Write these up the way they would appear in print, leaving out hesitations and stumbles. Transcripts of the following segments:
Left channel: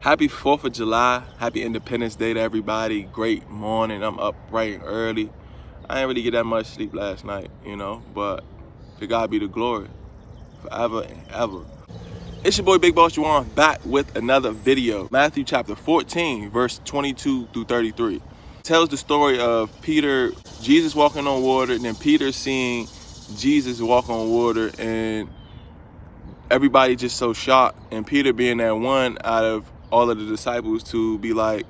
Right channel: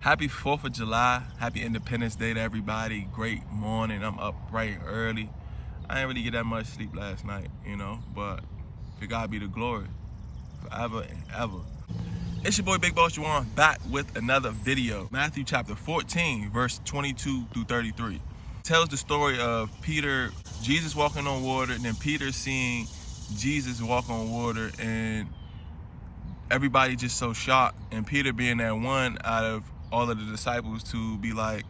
Happy 4th of July. Happy Independence Day to everybody. Great morning. I'm up bright and early. I didn't really get that much sleep last night, but to God be the glory forever and ever. It's your boy BigBossJawon back with another video. Matthew chapter 14, verse 22 through 33. Tells the story of Jesus walking on water, and then Peter seeing Jesus walk on water, and everybody just so shocked, and Peter being that one out of all of the disciples to be like,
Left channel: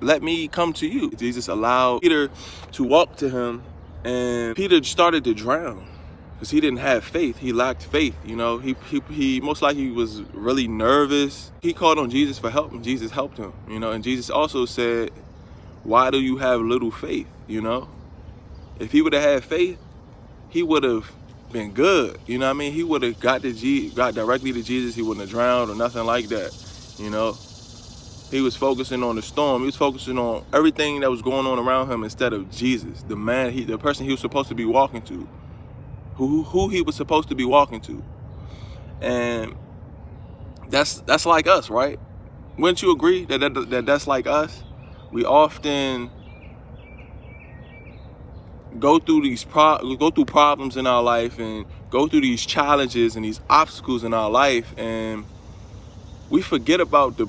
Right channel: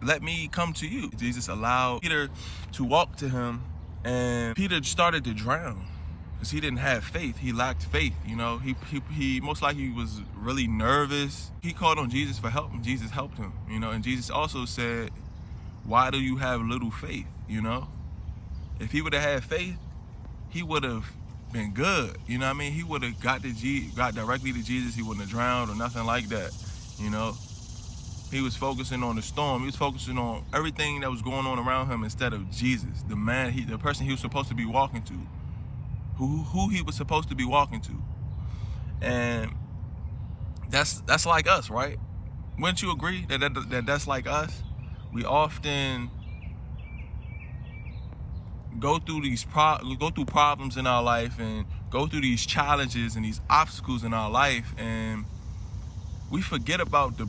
let me come to you. Jesus allowed Peter to walk to him, and Peter started to drown because he didn't have faith. He lacked faith. He most likely was really nervous. He called on Jesus for help, and Jesus helped him. And Jesus also said, why do you have little faith? If he would have had faith, he would have been good. He would have got directly to Jesus. He wouldn't have drowned or nothing like that. He was focusing on the storm. He was focusing on everything that was going on around him instead of Jesus, the person he was supposed to be walking to, who he was supposed to be walking to. And that's like us, right? Wouldn't you agree that's like us? We often go through problems in our life and go through these challenges and these obstacles in our life, and we forget about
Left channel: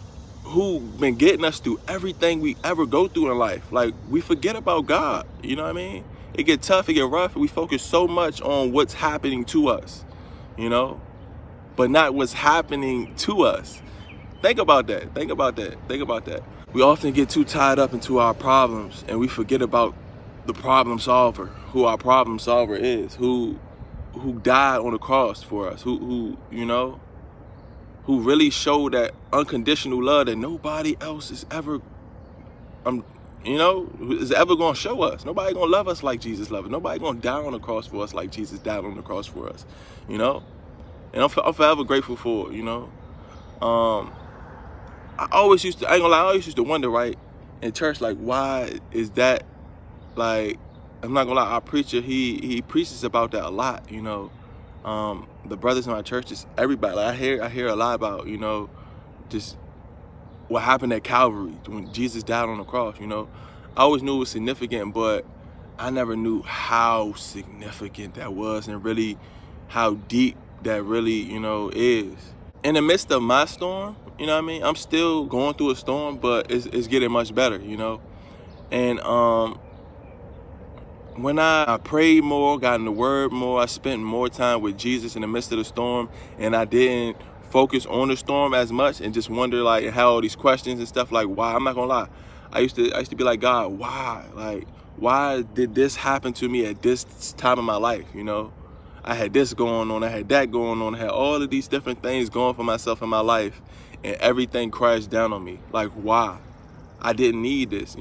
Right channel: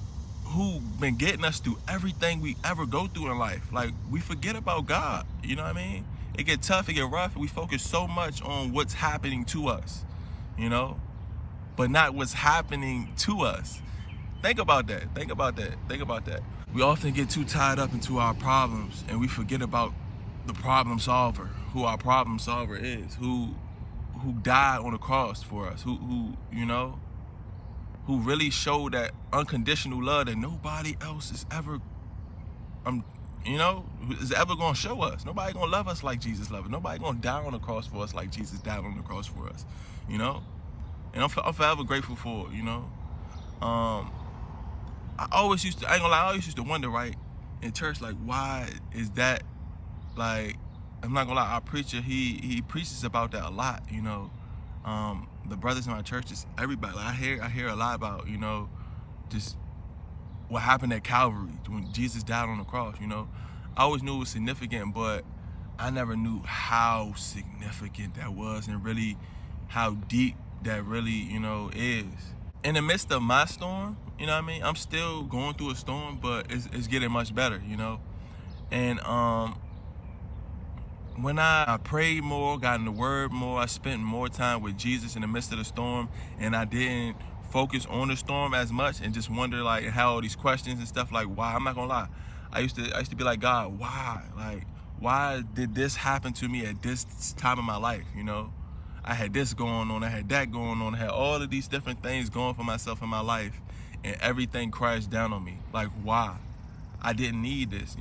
who been getting us through everything we ever go through in life. Like, we forget about God. It get tough, it get rough, and we focus so much on what's happening to us, but not what's happening to us. Think about that. We often get too tied up into our problems, and we forget about the problem solver, who our problem solver is, who died on the cross for us, who really showed that unconditional love that nobody else is ever going to show us. Nobody going to love us like Jesus loved us. Nobody going to die on the cross for us like Jesus died on the cross for us. And I'm forever grateful for it. I always used to wonder, right, in church, like, why is that? Like, I'm not gonna lie, our preacher, he preaches about that a lot. The brothers in my church, just everybody. Like, I hear a lot about, just what happened at Calvary when Jesus died on the cross. I always knew it was significant, but I never knew how significant that was, and really how deep that really, is. In the midst of my storm, I'm still going through a storm, but it's getting much better, And when I prayed more, got in the word more, I spent more time with Jesus in the midst of the storm, and I didn't focus on the storm as much and just wonder, like, had all these questions and stuff, like, why? I'm not gonna lie. I used to be like, God, why? Like, why did this happen to me at this time of my life? I had this going on, I had that going on, I had all of these different things going for myself in my life, and everything crashed down on me. Like, why? I didn't need this,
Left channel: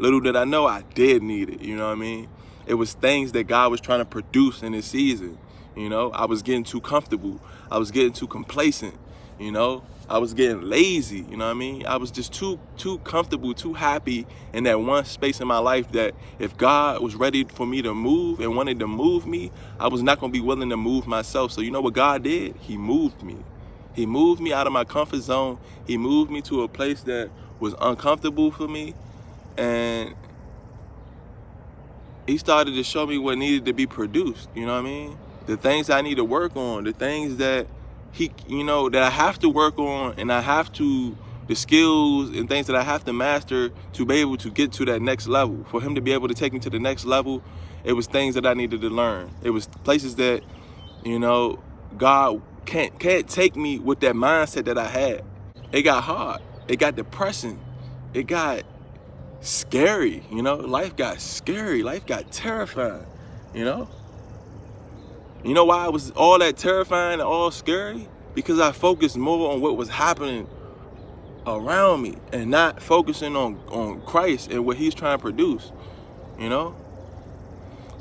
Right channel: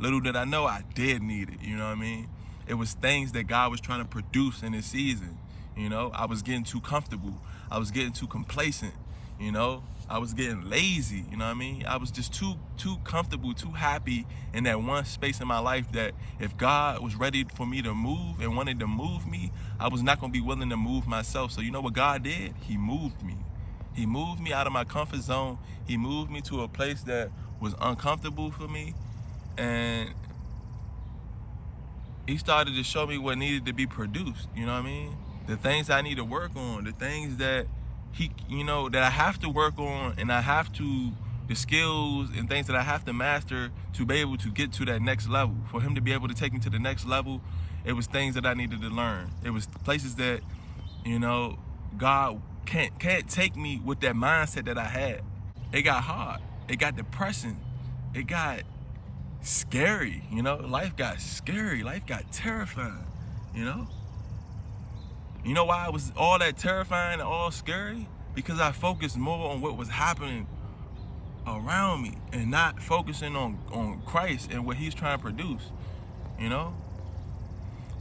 Little did I know I did need it, It was things that God was trying to produce in this season, I was getting too comfortable. I was getting too complacent, I was getting lazy, I was just too comfortable, too happy in that one space in my life that if God was ready for me to move and wanted to move me, I was not going to be willing to move myself. So you know what God did? He moved me. He moved me out of my comfort zone. He moved me to a place that was uncomfortable for me. And he started to show me what needed to be produced, The things I need to work on, the things that that I have to work on, and the skills and things that I have to master to be able to get to that next level. For him to be able to take me to the next level, it was things that I needed to learn. It was places that, God can't take me with that mindset that I had. It got hard. It got depressing. It got scary, Life got scary. Life got terrifying, You know why it was all that terrifying and all scary? Because I focused more on what was happening around me and not focusing on Christ and what he's trying to produce, So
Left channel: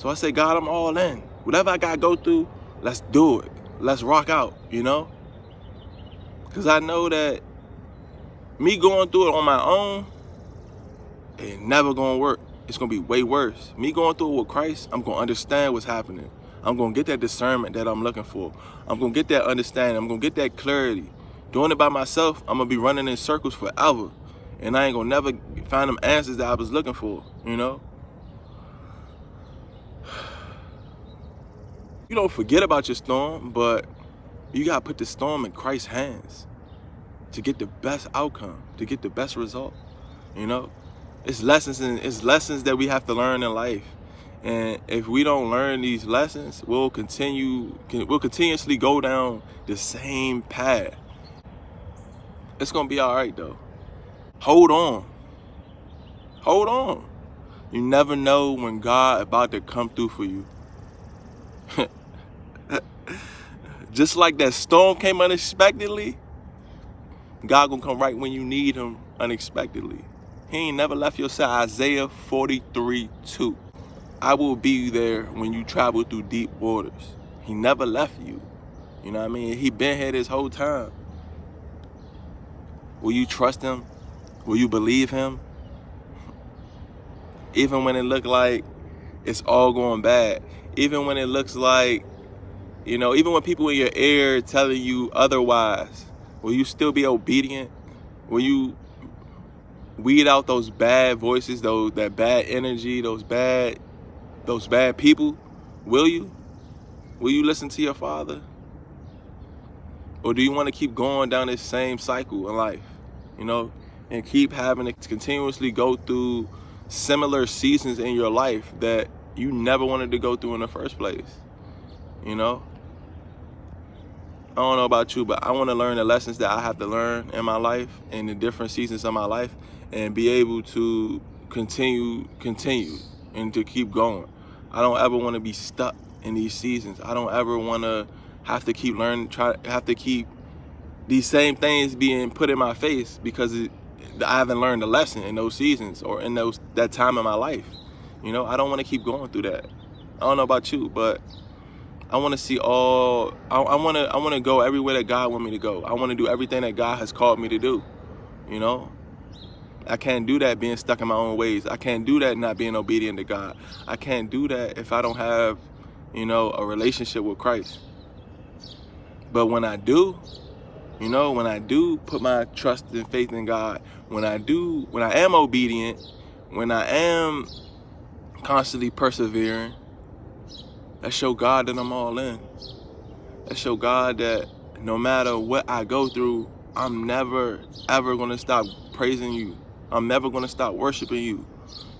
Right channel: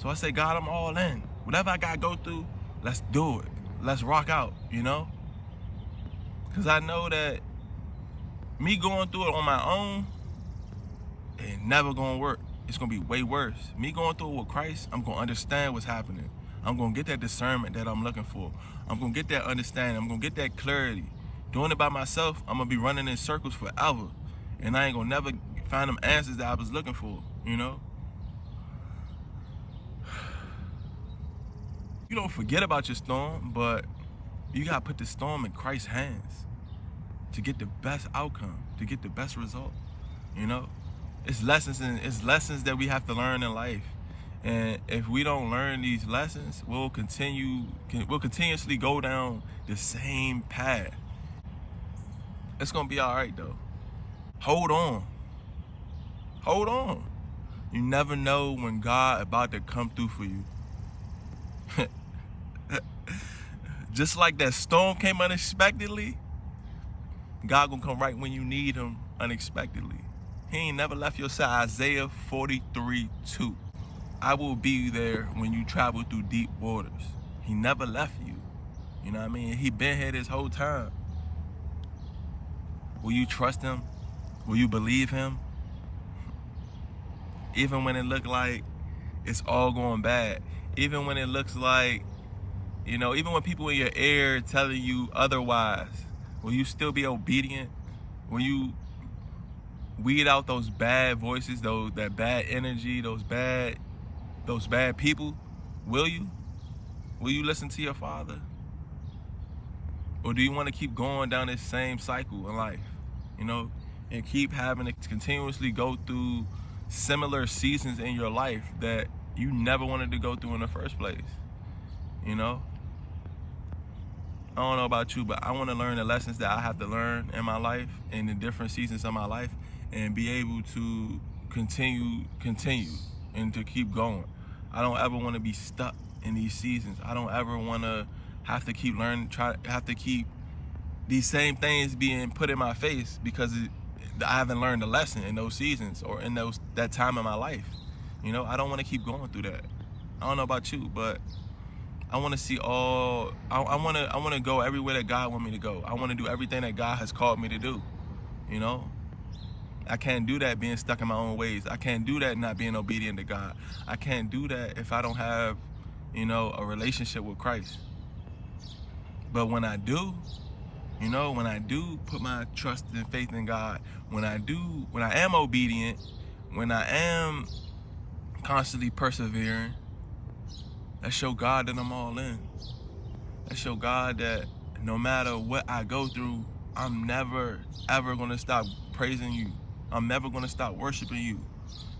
I say, God, I'm all in. Whatever I got to go through, let's do it. Let's rock out, Because I know that me going through it on my own, it ain't never gonna work. It's gonna be way worse. Me going through it with Christ, I'm gonna understand what's happening. I'm gonna get that discernment that I'm looking for. I'm gonna get that understanding. I'm gonna get that clarity Doing it by myself, I'm gonna be running in circles forever. And I ain't gonna never find them answers that I was looking for, you know? You don't forget about your storm, but you gotta put the storm in Christ's hands to get the best outcome, to get the best result, you know? It's lessons that we have to learn in life. And if we don't learn these lessons, we'll continuously go down the same path. It's gonna be all right though. Hold on. Hold on. You never know when God about to come through for you. Just like that storm came unexpectedly, God gonna come right when you need him unexpectedly. He ain't never left your side. Isaiah 43:2. I will be there when you travel through deep waters. He never left you. You know what I mean? He been here this whole time. Will you trust him? Will you believe him? Even when it look like it's all going bad. Even when it looks like, you know, even when people in your ear telling you otherwise, will you still be obedient? Will you weed out those bad voices, that bad energy, those bad people? Will you? Will you listen to your Father? Or do you want to keep going down this same cycle in life, you know, and keep having to continuously go through similar seasons in your life that you never wanted to go through in the first place, you know? I don't know about you, but I want to learn the lessons that I have to learn in my life, in the different seasons of my life, and be able to continue, and to keep going. I don't ever want to be stuck in these seasons. I don't ever want to have to keep learning, have to keep these same things being put in my face because I haven't learned a lesson in those seasons or in that time in my life. You know, I don't want to keep going through that. I don't know about you, but I want to see all. I want to go everywhere that God wants me to go. I want to do everything that God has called me to do. You know, I can't do that being stuck in my own ways. I can't do that not being obedient to God. I can't do that if I don't have, you know, a relationship with Christ. But when I do, you know, when I do put my trust and faith in God, when I am obedient, when I am constantly persevering, that show God that I'm all in. That show God that no matter what I go through, I'm never, ever going to stop praising you. I'm never going to stop worshiping you,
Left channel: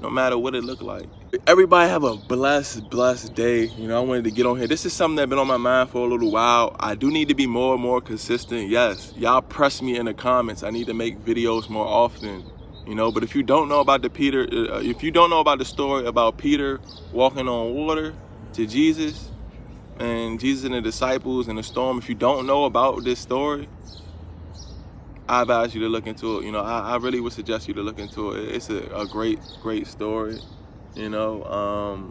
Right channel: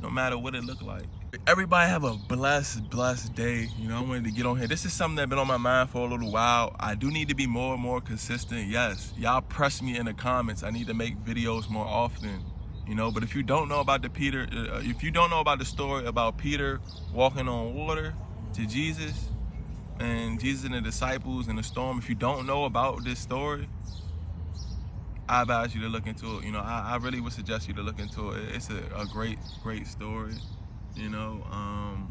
no matter what it look like. Everybody have a blessed day. You know, I wanted to get on here. This is something that's been on my mind for a little while. I do need to be more and more consistent. Yes, y'all press me in the comments. I need to make videos more often. You know, but if you don't know about if you don't know about the story about Peter walking on water to Jesus and Jesus and the disciples in the storm, if you don't know about this story, I advise you to look into it. You know, I really would suggest you to look into it. It's a great story. You know,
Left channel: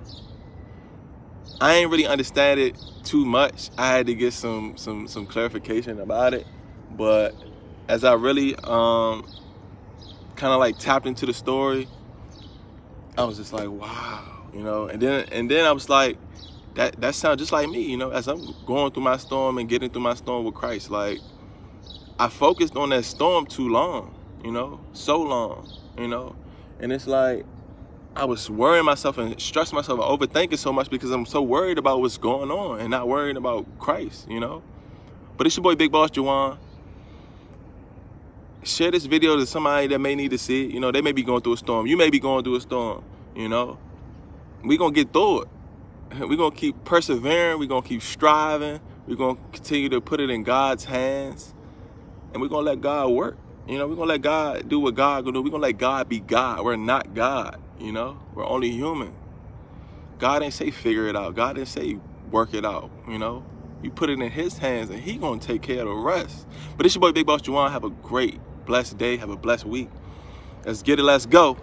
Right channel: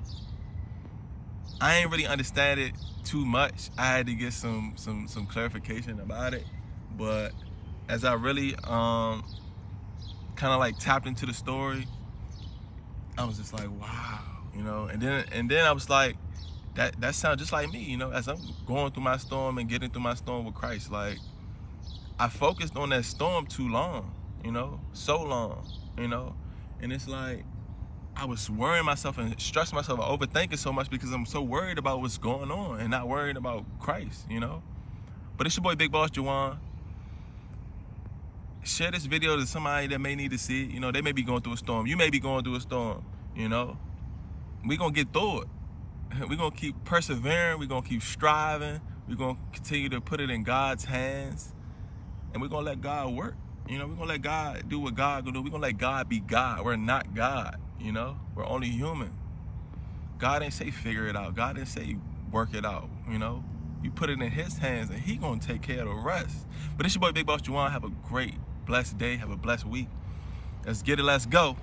I ain't really understand it too much. I had to get some clarification about it. But as I really kind of like tapped into the story, I was just like, wow, you know. And then I was like, that sounds just like me, you know. As I'm going through my storm and getting through my storm with Christ, like I focused on that storm too long, you know, so long, you know. And it's like I was worrying myself and stressing myself and overthinking so much because I'm so worried about what's going on and not worried about Christ, you know. But it's your boy BigBossJawon. Share this video to somebody that may need to see it. You know, they may be going through a storm. You may be going through a storm, you know. We're going to get through it. We're going to keep persevering. We're going to keep striving. We're going to continue to put it in God's hands. And we're going to let God work. You know, we're going to let God do what God going to do. We're going to let God be God. We're not God, you know. We're only human. God didn't say figure it out. God didn't say work it out, you know. You put it in his hands and he going to take care of the rest. But it's your boy BigBossJawon. Have a great, blessed day. Have a blessed week. Let's get it. Let's go.